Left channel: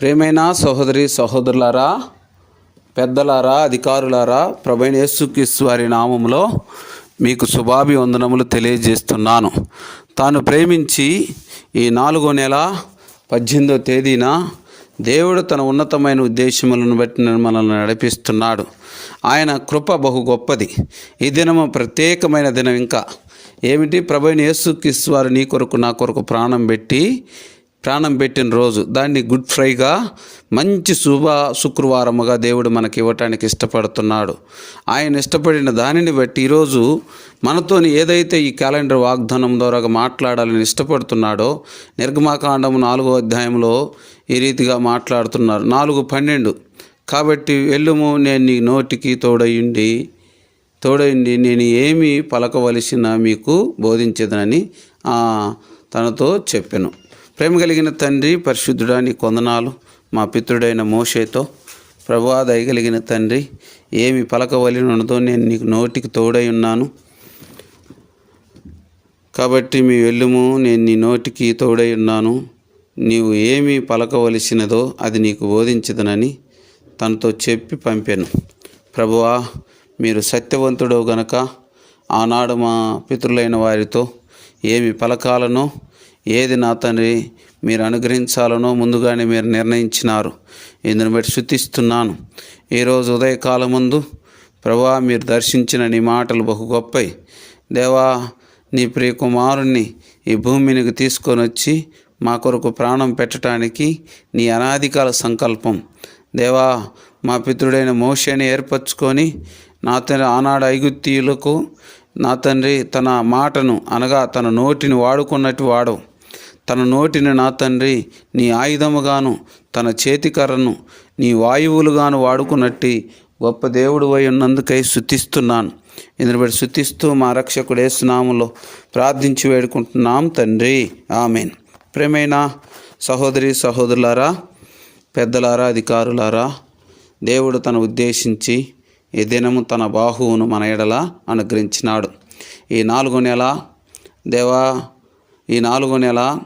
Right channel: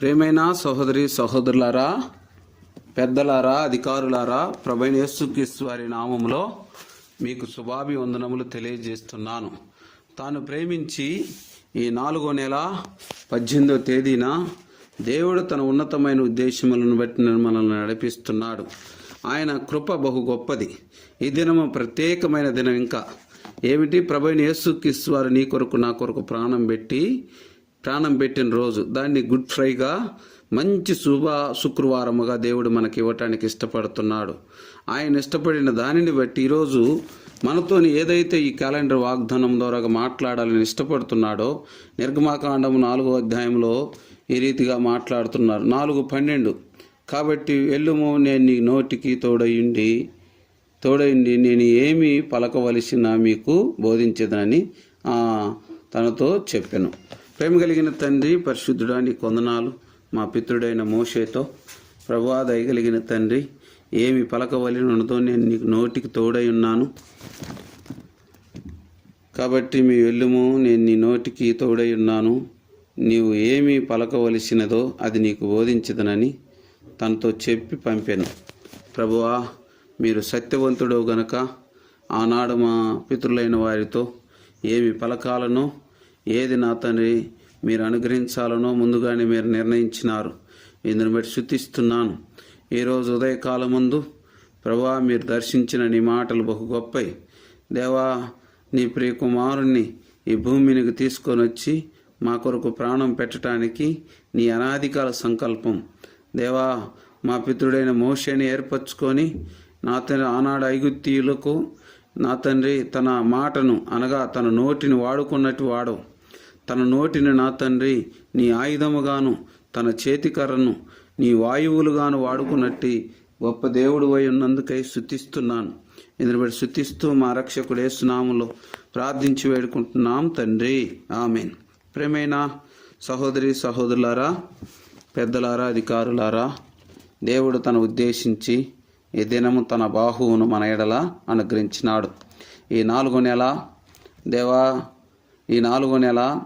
ప్రేమైన సహోదరి సహోదరులారా పెద్దలారా అధికారులారా ప్రభైన యేసుక్రీస్తు వారి నామములో మీకు శుభాభివందనములు తెలియజేస్తున్నాను. తాను ప్రేమించి ఈ నాలుగో నెల పద్దెనిమిదో తేదీన దేవుడు తన ఉన్నతమైన ఉద్దేశములను బట్టి మనల్ని నడిపిస్తున్నాడు. ఆయన కృప బహు గొప్పది. ఈ దినము ప్రత్యేకమైన దినం ఇంకా. ఏమిటి? ప్రభైన యేసుక్రీస్తు వారు నీ కొరకు నా కొరకు ప్రాణం పెట్టి ప్రాణం పెట్టిన రోజు దాన్ని గుడ్ ఫ్రైగా మంచి శుభ శుక్రవారముగా దేవుడు మనకి ఇవ్వటానికి ఇష్టపడుతున్నాడు. ఆయన ఇష్టపడిన దానిని బట్టి ఈరోజు మనతోని ఏదైతే ఈ క్యాలెండర్ వాగ్దానం ద్వారా మాట్లాడాలని ఇష్టపడుతున్నాడో నిర్గమాకాండము నాలుగో అధ్యాయంలో ఈ రీతిగా మాట్లాడుతున్నారు. నాలుగు పన్నెండు. కాబట్టి వెళ్ళుము నేను నీ నోటికి తోడయుండి తోడయుండి నేను ఏమి పలకవలసిన మీకు బోధించదనని తనతో చెప్పాను. ప్రేమ కలిగిన తండ్రి పరిశుద్ధుడాని కొందనాలు మా పితృడైన మోషేతో. ప్రభా దయగలిగిన తండ్రి ఏమి పలకవలనదో నేను నీకు నోటికి తోడై ఉన్నాను. కాబట్టి మీ వెళ్ళుము నేను నీ నోటికి తోడై ఉన్నాను. నీవు ఏమి పలకవలసినదో అది నీకు బోధించదనని తనతో చెప్పి పంపాను. ప్రభువా మీరు సత్యవంతుడో గనక ఆనాడు మా పితృలైన వారితో ఏమి పలకాలనో ఏది నా తండ్రి మీరు అనుగ్రహించాలనో ముందుగానే మీరు నిర్ణయించినారు. ఇందును బట్టి శుద్ధిస్తున్నాను ఈరోజు ఉదయకాలం ముందు ప్రభా మీరు దర్శించిన నీ మాటలు బహు గొప్పవి దేవా నీ ప్రియ కుమారుణ్ణి ఈ భూమినికి తీసుకొని వచ్చి మా కొరకు ప్రాణం పెట్టడానికి నీ అనాదికాల సంకల్పం. దేవా మా పితృడైన మోషని ఏర్పరచుకొని నా తండ్రి ఆనాడు ఐగుత్తీయులకు నా తండ్రి తన మాటను అనగా తన నోటిని వాడుకున్నట్టు వాడవు. తన నోటిని నా తండ్రి నీ ఆయుధముగాను తన చేతికర్రను నీ వాయువులుగాను వాడుకున్నట్టి గొప్ప దేవుడు అయి ఉన్నందుకై శుతిస్తున్నాను ఇందుని బట్టి శుతిస్తూ మా రక్షకుడే సునాములో ప్రార్థించి వేడుకుంటున్నాం తండ్రి. ఆమెన్. ప్రేమైన సహోదరి సహోదరులారా పెద్దలారా అధికారులారా దేవుడు తన ఉద్దేశించి ఈ దినము తన బాహువును మన ఎడల అనుగ్రహించినాడు. ఈ నాలుగో నెల దేవా ఈ నాలుగో నెల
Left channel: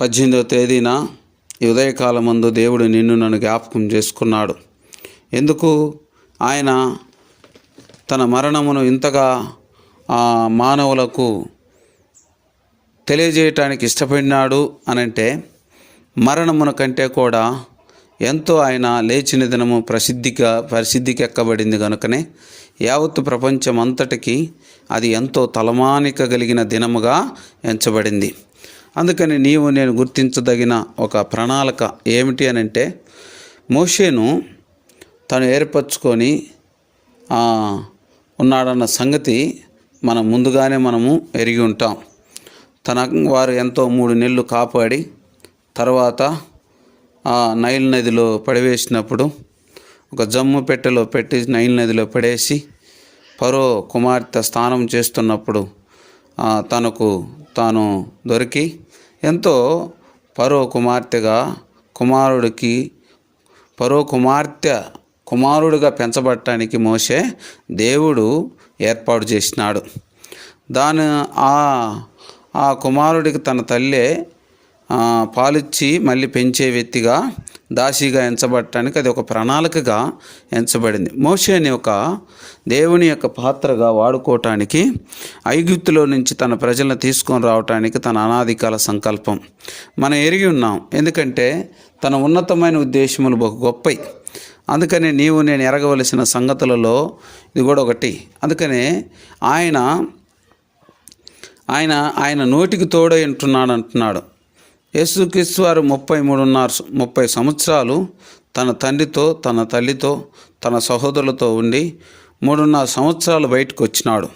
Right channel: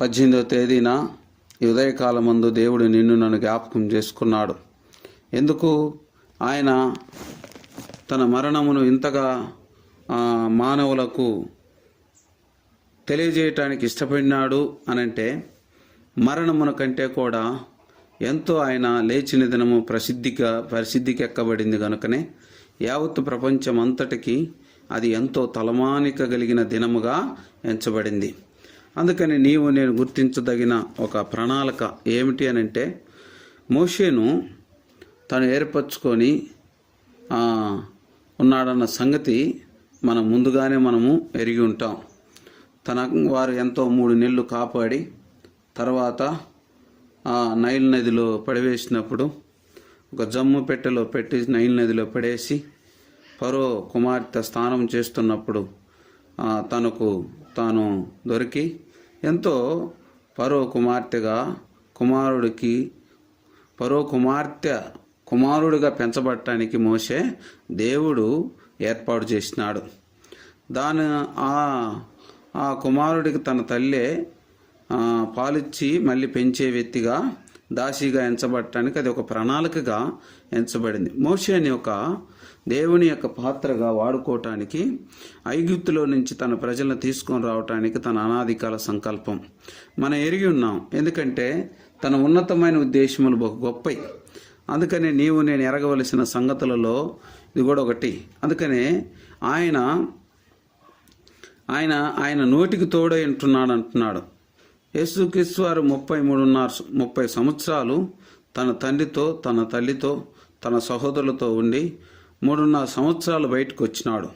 పద్దెనిమిదో తేదీన ఈ ఉదయకాలం ముందు దేవుడు నిన్ను నన్ను జ్ఞాపకం చేసుకున్నాడు. ఎందుకు? ఆయన తన మరణమును ఇంతగా ఆ, మానవులకు తెలియజేయటానికి ఇష్టపడినాడు అనంటే మరణమున కంటే కూడా ఎంతో ఆయన లేచిన దినము ప్రసిద్ధిగా ప్రసిద్ధికి ఎక్కబడింది కనుకనే యావత్తు ప్రపంచం అంతటికి అది ఎంతో తలమానిక కలిగిన దినముగా ఎంచబడింది. అందుకని నీవు నేను గుర్తించదగిన ఒక ప్రణాళిక ఏమిటి అని అంటే మోషేను తను ఏర్పరచుకొని ఉన్నాడన్న సంగతి మనం ముందుగానే మనము ఎరిగి ఉంటాం. తన వారు ఎంతో మూడు నెలలు కాపాడి తర్వాత నైల్ నదిలో పడివేసినప్పుడు ఒక జమ్ము పెట్టెలో పెట్టి నైల్ నదిలో పడేసి పరో కుమార్తె స్నానం చేస్తున్నప్పుడు తనకు తాను దొరికి ఎంతో పరో కుమార్తెగా కుమారుడికి పరో కుమార్తె కుమారుడుగా పెంచబడటానికి మోసే దేవుడు ఏర్పాటు చేసినాడు. దాని ఆ ఆ కుమారుడికి తన తల్లే పాలిచ్చి మళ్ళీ పెంచే వ్యక్తిగా దాసిగా ఎంచబడటానికి అది ఒక ప్రణాళికగా ఎంచబడింది. మోషేని ఒక దేవుని యొక్క పాత్రగా వాడుకోవటానికి ఐగుప్తులో నుంచి తన ప్రజలను తీసుకొని రావటానికి తన అనాదికాల సంకల్పం మనం ఎరిగి ఉన్నాం. ఎందుకంటే తన ఉన్నతమైన ఉద్దేశములు బహు గొప్పయి. అందుకని నీవు నేను ఎరగవలసిన సంగతులలో ఇది కూడా ఒకటి. అందుకనే ఆయన ఆయన ఆయన నోటికి తోడై ఉంటున్నాడు అంటున్నాడు. యేసుక్రీస్తు వారు ముప్పై మూడున్నర ముప్పై సంవత్సరాలు తన తండ్రితో తన తల్లితో తన సహోదరులతో ఉండి మూడున్నర సంవత్సరాలు బయటకు వచ్చినాడు.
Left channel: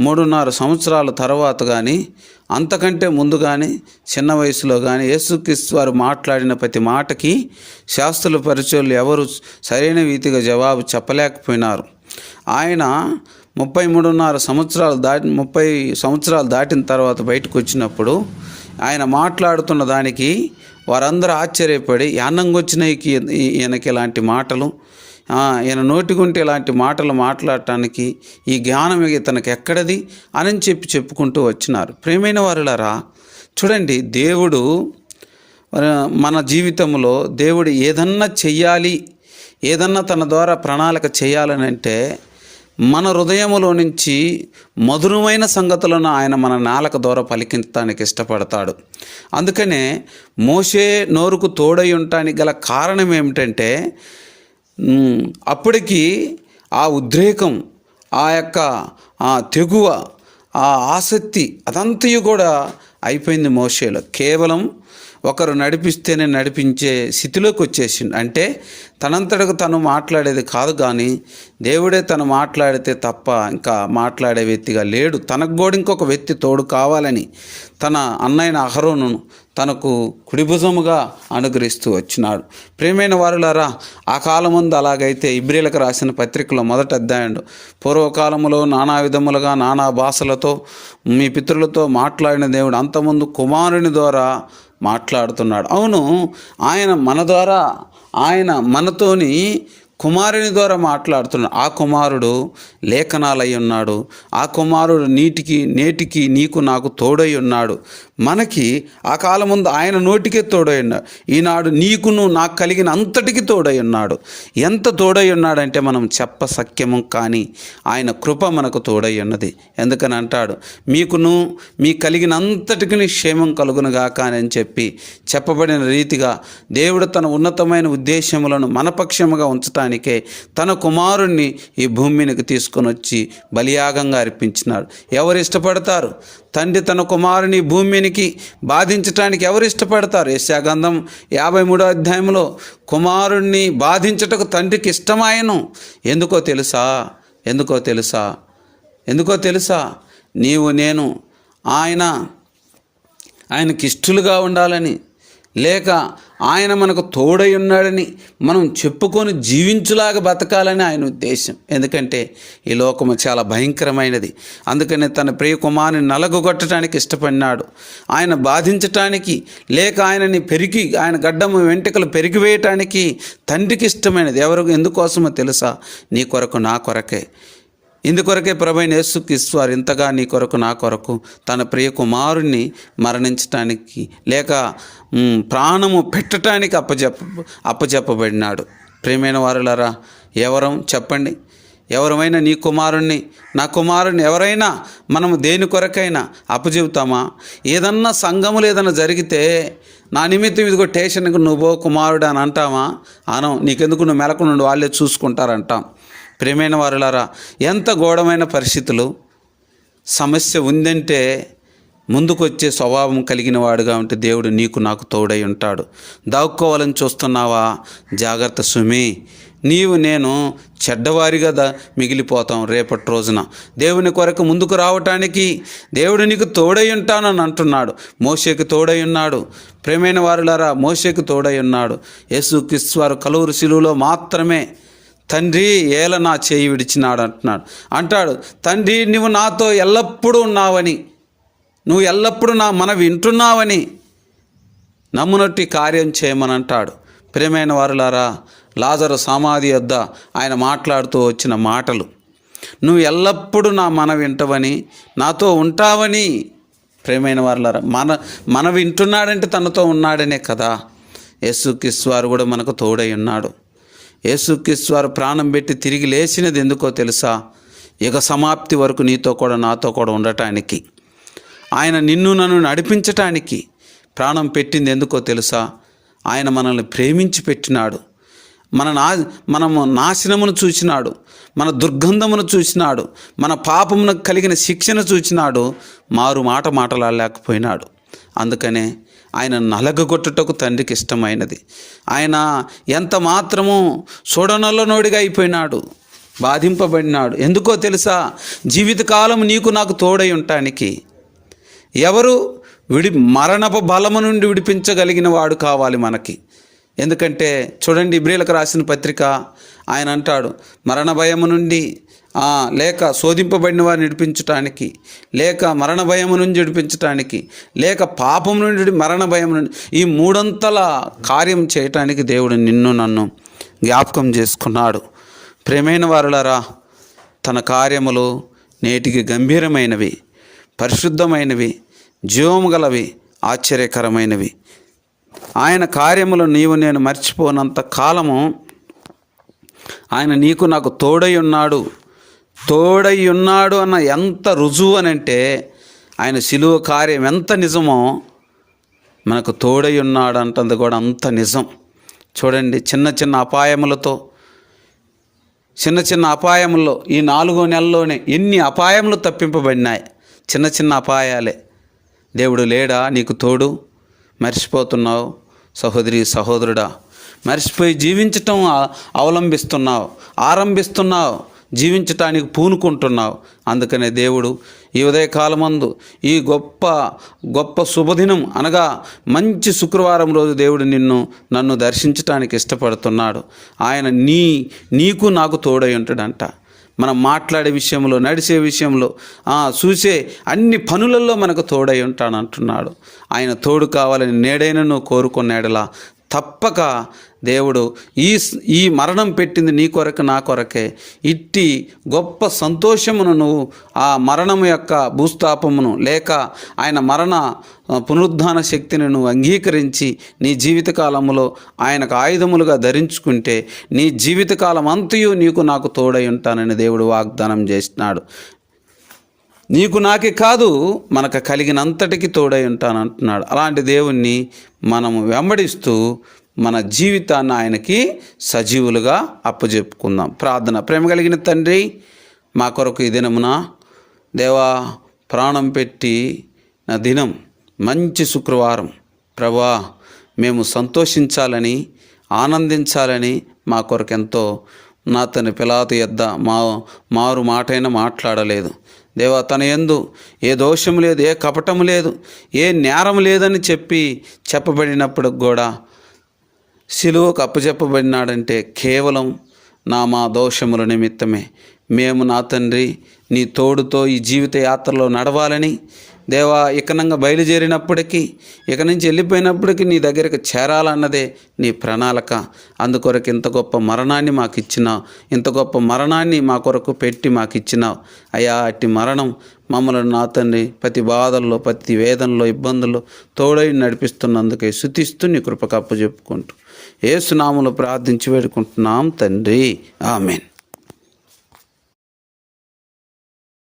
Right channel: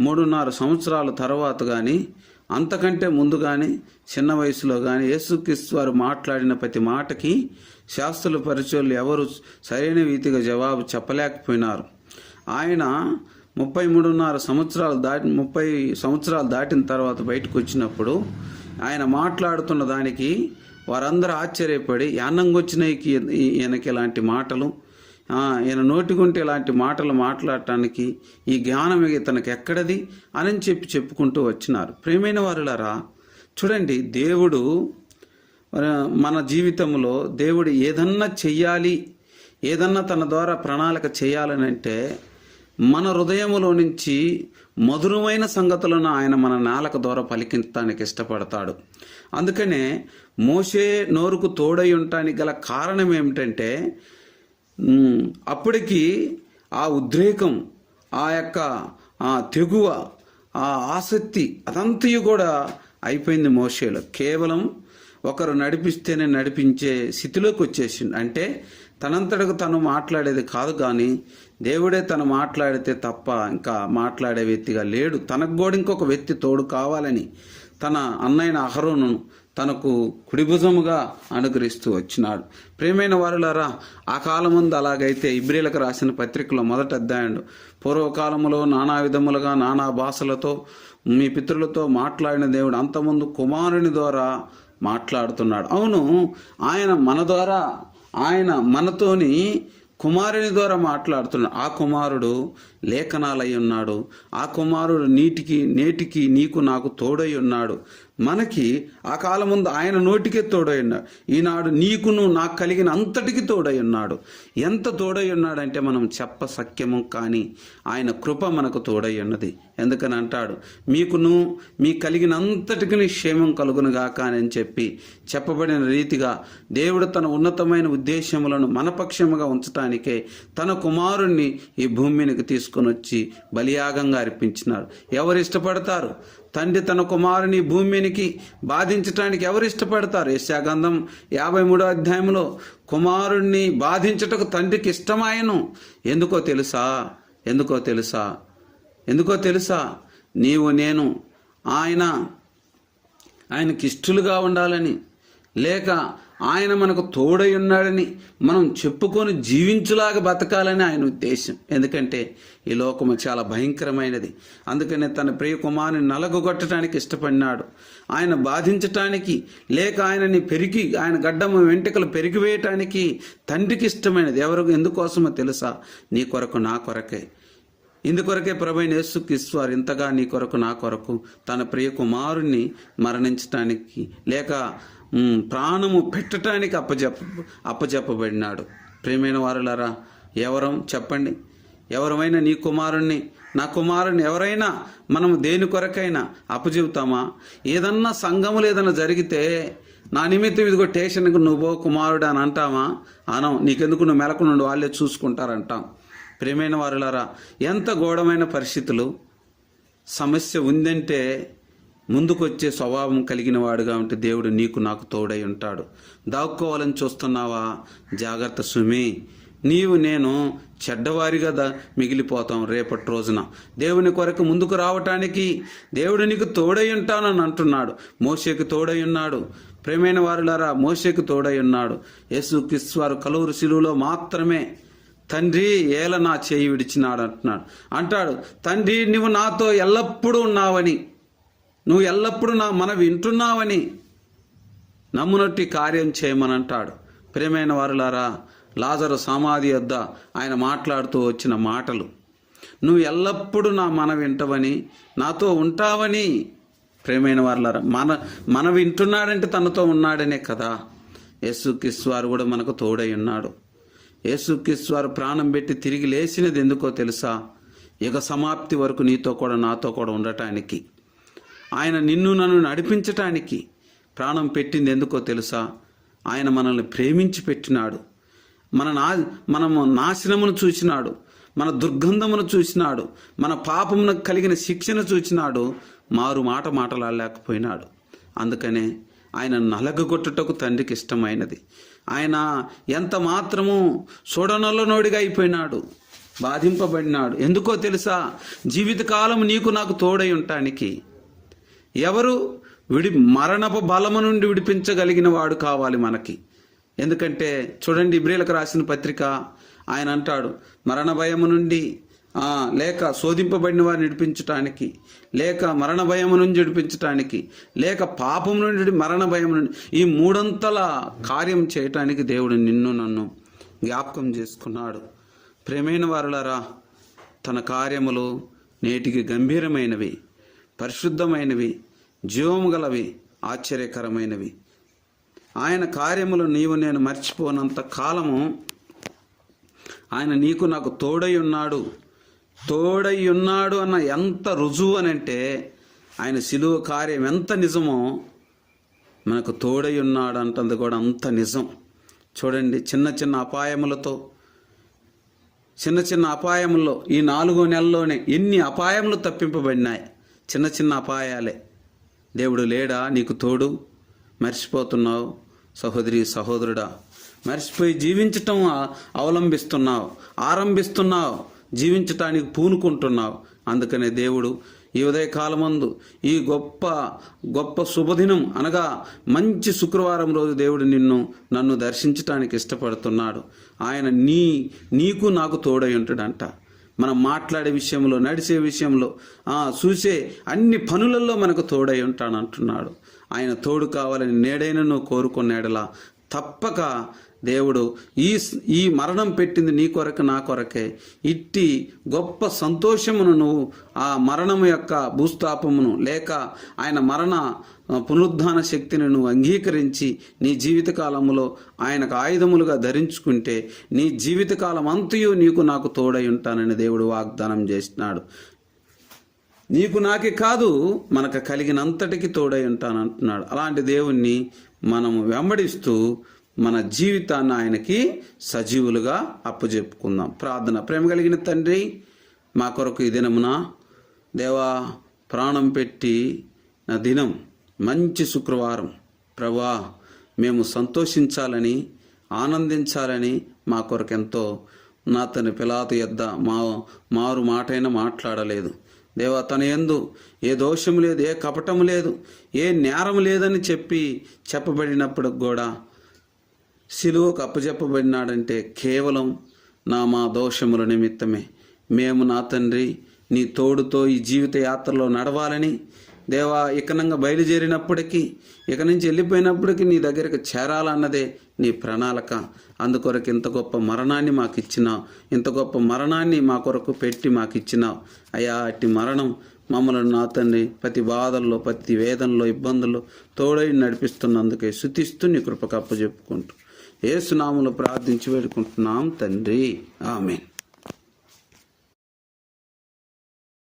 మూడున్నర సంవత్సరాల తర్వాత కానీ అంతకంటే ముందు కానీ చిన్న వయసులో కానీ యేసుక్రీస్తు వారు మాట్లాడిన ప్రతి మాటకి శాస్త్రుల పరిచయాలు ఎవరు సరైన రీతిగా జవాబు చెప్పలేకపోయినారు. ఆయన ముప్పై మూడున్నర సంవత్సరాలు దాటి ముప్పై సంవత్సరాలు దాటిన తర్వాత బయటకు వచ్చినప్పుడు ఆయన మాట్లాడుతున్న దానికి వారందరూ ఆశ్చర్యపడి యానంగొచ్చినకి ఈయనకి ఇలాంటి మాటలు. ఈయన నోటికుంటే ఇలాంటి మాటలు మాట్లాడటానికి ఈ జ్ఞానం ఇతనికి ఎక్కడది? అని చెప్పి చెప్పుకుంటూ వచ్చినారు. ప్రేమైన వారులారా చూడండి దేవుడు మన మన జీవితంలో దేవుడు ఏదన్నా చెయ్యాలి ఏదన్నా తన ద్వారా ప్రణాళిక చేయాలని అంటే మన హృదయములో నుంచి మధురమైన సంగతులను ఆయన మన నాలుక ద్వారా పలికించడానికి ఇష్టపడతాడు. అందుకనే మోసే నోరుకు తోడై ఉండటానికి గల కారణం ఏమిటంటే అప్పటికి ఆ ఉద్రేకం ఆ యొక్క ఆ తెగువ ఆ ఆసక్తి అదంతయు కూడా అయిపోయింది మోషేలో. కేవలం ఒకరు నడిపిస్తేనే నడిపించే స్థితిలోకి వచ్చేసిండు. అంటే తనంతటకు తను మాట్లాడేది కాదు కానీ దేవుడే తను మాట్లాడితే తప్ప ఇంకా మాట్లాడే వ్యక్తిగా లేడు. తనకు కూడా ఇంకొక వ్యక్తి తోడు కావాలని తన అన్నైన అహరోను తనకు కుడిభుజముగా అనుగ్రహిస్తూ వచ్చినాడు. ప్రేమైన వారులారా ఆ కాలముందు అలాగైతే ఇబ్రిలకు రాసిన పత్రికలో మొదట అధ్యాయుడు పూర్వకాలములో నానా విధములుగా నానా భాషలతో మీ పితరులతో మాట్లాడిన దేవుడు అంతముందు కుమారుని ద్వారా మాట్లాడుతున్నాడు. అవును ఆయన మన ద్వారా ఆయన మనతోని కుమారుని ద్వారా మాట్లాడుతున్నాడు ఆ కుమారుడు లేఖనాలై ఉన్నాడు. ఆ కుమారుడు నీటికి నేటికి నీకు నాకు తోడై ఉన్నాడు. మనకి ఆ కాలం ముందు ఆయన నోటికే తోడై ఉన్నాడు. ఈనాడు నీకును నాకు కలిగిన అంతటికి తోడై ఉన్నాడు. ఎంత తోడై ఉన్నాడంటే మనం చెప్ప సఖ్యము కానీ ఆయన కృప మనకు తోడై ఉన్నది. ఎందుకని అంటాడు? మీకును మీ కలిగిన అంతటికి క్షేమం కలుగునుగాక అని చెప్పి చెప్పబడిన రీతిగా దేవుడు తన ఉన్నతమైన ఉద్దేశములను మనపక్షముగా చేయడానికే తన కుమారుణ్ణి ఈ భూమి మీదకి తీసుకొని వచ్చి బలియాగంగా అర్పించినాడు. ఎవరు ఇష్టపడతారు? తండ్రి తన కుమారుని భూమినికి బాధించటానికి ఎవరు ఇష్టపడతారు? యశాగంధం యాభై మూడో అధ్యాయంలో కుమారుణ్ణి బాధించటకు తండ్రికి ఇష్టమాయను. ఎందుకో తెలుసా? ఎందుకో తెలుసా? ఎందుకో తెలుసా? నీవు నేను ఆయన ఆయనకి ఇష్టలుగా ఉండాలని లేక ఆయన మనకు తోడై ఉన్నాడని మనం చెప్పుకొని జీవించులాగా బతకాలని ఆయన ఉద్దేశం. ఎందుకంటే ఈ లోకము చాలా భయంకరమైనది. అందుకనే తన ప్రియ కుమారుని నలగొట్టడానికి ఇష్టపడినాడు. ఆయన బాధించటానికి లేక ఆయనని పెరిగి ఆయన గడ్డము వెంట్రుకలు పెరిగివేయటానికి తండ్రికి ఇష్టమైనది. ఎవరు ఎందుకోసమో తెలుసా? నీ కొరకు నా కొరకే. ఇందుకొరకే ప్రభైన యేసుక్రీస్తు వారు ఇంతగా నీ కొరకు నా కొరకు తన ప్రియ కుమారుణ్ణి మరణించటానికి లేక ప్రాణము పెట్టడానికి అప్పచెప్ప అప్పచెప్పబడినాడు ప్రియమైన వారులారా ఎవరం చెప్పండి? ఎవరమైనా నీ కుమారుణ్ణి నా కుమారుని ఎవరైనా మనము దేని కొరకైనా అప్పచెబుతామా ఏదన్నా సంఘములు ఏదన్నా జరిగితే నా నిమిత్తం ఇదిగో స్టేషన్కి నువ్వు కుమారుడు అని అంటామా? అనం నీకెందుకు నువ్వు మెలకు నుండి వాళ్ళే చూసుకుంటారంటాం. ప్రేమైన వారులారా ఎంత ఘోరమైన పరిస్థితులు. సమస్య ఉందంటే ముందుకొచ్చే స్వభావం కలిగిన వాడుగా ఉంటే దేవుడు నీకు నాకు తోడై ఉంటాడు. దాక్కోవాలని చూస్తున్నావా? జాగ్రత్త సుమి. నీవు నేను చెడ్డవారిగా దా మిగిలిపోతాం రేపటి రోజున. దేవుని కొరకు ముందుకు రావటానికి దేవుడు నీకు తోడై ఉంటానని అంటున్నాడు. మోషేకు తోడై ఉన్నాడు. ప్రేమైన వారులారా మోషేకు తోడై ఉన్నాడు. యేసు వారు కలువురు శిలువలో మాత్రమే తండ్రి ఏల నా చేయి విడిచినాడు అంటున్నాడు. అంటాడు తండ్రి నువ్వు నాతో ఎల్లప్పుడూ ఉన్నావని నువ్వు ఎల్లప్పుడూ నా మన వింటున్నావని నమ్మునట్టి కార్యం చేయమని అంటాడు. ప్రేమైన వారులారా లాజరు సమాధి వద్ద ఆయన మాట్లాడుతూ వచ్చిన మాటలు నువ్వు ఎల్లప్పుడూ నా మన వింటవని నాతో ఉంటావని ప్రేమైన వారులారా మన మన వింటున్నాడంటే తనతో ఉన్నాడనే కదా. యేసుక్రీస్తు కూడా మనకు తోడై ఉన్నాడు. యేసుక్రీస్తు వారు ప్రాణం పెట్టి తిరిగి లేచినది ఎందుకో తెలుసా? యుగ సమాప్తి వరకు నీతో కూడా నాతో కూడా ఉండటానికి. ఆయన నిన్ను నన్ను నడిపించటానికి ప్రాణం పెట్టింది ఎందుకో తెలుసా? ఆయన మనల్ని ప్రేమించి పెట్టినాడు. మన నా మనము నాశనమును చూసినాడు మన దుర్గంధమును చూసినాడు మన పాపమునకు కలిగిన శిక్షను చూసినాడు మారు మాట మాటలాడలేకపోయినాడు. అందుకనే ఆయన నలగగొట్టుటకు తండ్రికి ఇష్టమైనది. ఆయన ఎంత మాత్రము చూడనల్లనోడిగా అయిపోయినాడు బాధింపబడినాడు. ఎందుకో తెలుసా? జీవితకాలం నీకు నాకు తోడై ఉండటానికి ఎవరు విడి మరణపు బలము నుండి విడిపించగలిగిన వాడు కావాలి మనకి. ఎందుకంటే చూడండి ఇబ్రిలకు రాసిన పత్రిక ఆయన అంటాడు మరణ భయము నుండి లేక శోధింపబడిన వారిని విడిపించటానికి లేక మరణ భయం నుంచి విడిపించటానికి లేక పాపం నుండి మరణ భయం నుండి ఈ మూడంతల కార్యం చేయటానికి దేవుడు నిన్ను నన్ను జ్ఞాపకం చేసుకున్నాడు. ప్రేమైన వారులరా తన కార్యములు నేటికి గంభీరమైనవి పరిశుద్ధమైనవి జీవము గలవి ఆశ్చర్యకరమైనవి. ఆయన కార్యములు నీవు నేను మర్చిపోనంత కాలము ఆయన నీకు నాకు తోడై ఉన్నాడు. తోడై ఉన్నాడు అన్న ఎంత రుజువు అని అంటే ఆయన సిలువ కార్యం ఎంత నిజమో మనకు తోడై ఉన్నాడు అంటుంది కూడా అంత నిజం. చూడండి చిన్న చిన్న అపాయములతో చిన్న చిన్న అపాయముల్లో ఈ నాలుగో నెలలోనే ఎన్ని అపాయములు తప్పింపబడినాయి. చిన్న చిన్న అపాయాలే. దేవుడు లేడా? నీకు తోడు? మర్చిపోతున్నావు? సహోదరి సహోదరుడా మర్చిపోయి జీవించటం అవలంబిస్తున్నావు ఆరంభిస్తున్నావు. జీవించటానికి పూనుకుంటున్నావు. అందుకనే దేవుడు ఈ ఉదయకాలమందు ఈ గొప్ప గొప్ప శుభదినం అనగా మంచి శుక్రవారం రోజు దేవుడు నిన్ను నన్ను దర్శించటానికి ఇష్టపడుతున్నాడు. ఆయన నీ నీకు నాకు తోడై ఉంటాడంట. మనం మాట్లాడే విషయంలో నడిచే విషయంలో చూసే అన్ని పనులలో మనకు తోడై ఉంటానంటున్నాడు. ఆయన తోడు కావాలని నేడైనను కోరుకున్నాడలా తప్పక దేవుడు ఈ ఈ మరణం పెట్టింది నీ కొరకు నా కొరకే. ఇట్టి గొప్ప సంతోషమును నువ్వు ఆ మరణము యొక్క భూస్థాపమును లేక ఆయన మరణ పునరుద్ధాన శక్తిని నువ్వు అంగీకరించి నీ జీవితకాలములో ఆయనకు ఆయుధములుగా ధరించుకుంటే నీ జీవితకాలం అంతయు నీకు నాకు తోడై ఉంటానని దేవుడు వాగ్దానం చేసినాడు. నీకు నాకే కాదు మనకు కలిగినంతటికి తోడై ఉంటాను అంటున్నాడు. అలాంటి దేవుణ్ణి మనము వెంబడిస్తూ మన జీవితాన్ని ఆయనకి సజీవులుగా అప్పజెప్పుకుందాం. ప్రార్థన. ప్రేమ కలిగిన తండ్రి మా కొరకు ఈ దినమున దేవా ప్రాణం పెట్టి నా దినం మంచి శుక్రవారం. ప్రభా మేము సంతోషించాలని ఆనందించాలని మా కొరకు ఎంతో నా తన పిలాతు యొద్ద మా మారు మాటైనా మాట్లాడలేదు. దేవా తన ఎందు ఏ దోషం లేదు ఏ కపటం లేదు ఏ నేరం లేదని చెప్పి చెప్పబడినప్పుడు కూడా సిలువకు అప్పచెప్పబడినాడంటే కేవలం నా మా దోషముల నిమిత్తమే. మేము నా తండ్రి నీ తోడుతో ఈ జీవిత యాత్రలో నడవాలని దేవా ఇకనంగా బయలుదేరినప్పటికీ ఇక నుంచి వెళ్ళిపోయినప్పటికీ నీ దగ్గరికి చేరాలన్నదే నీ ప్రణాళిక. అందుకొరకు ఇంత గొప్ప మరణాన్ని మాకు ఇచ్చినావు ఇంత గొప్ప మరణాన్ని మా కొరకు పెట్టి మాకు ఇచ్చినావు అయ్యా అట్టి మరణం మమ్మల్ని నా తండ్రి ప్రతి బాధల్లో ప్రతి వేదనలో ఇబ్బందుల్లో తోడై నడిపిస్తున్నందుకే శుతిస్తూ నీ కృపకప్పు చెప్పుకుంటూ. ఏసునాములు ప్రార్థించి వేడుకుంటున్నాం తండ్రి. ఆమెన్.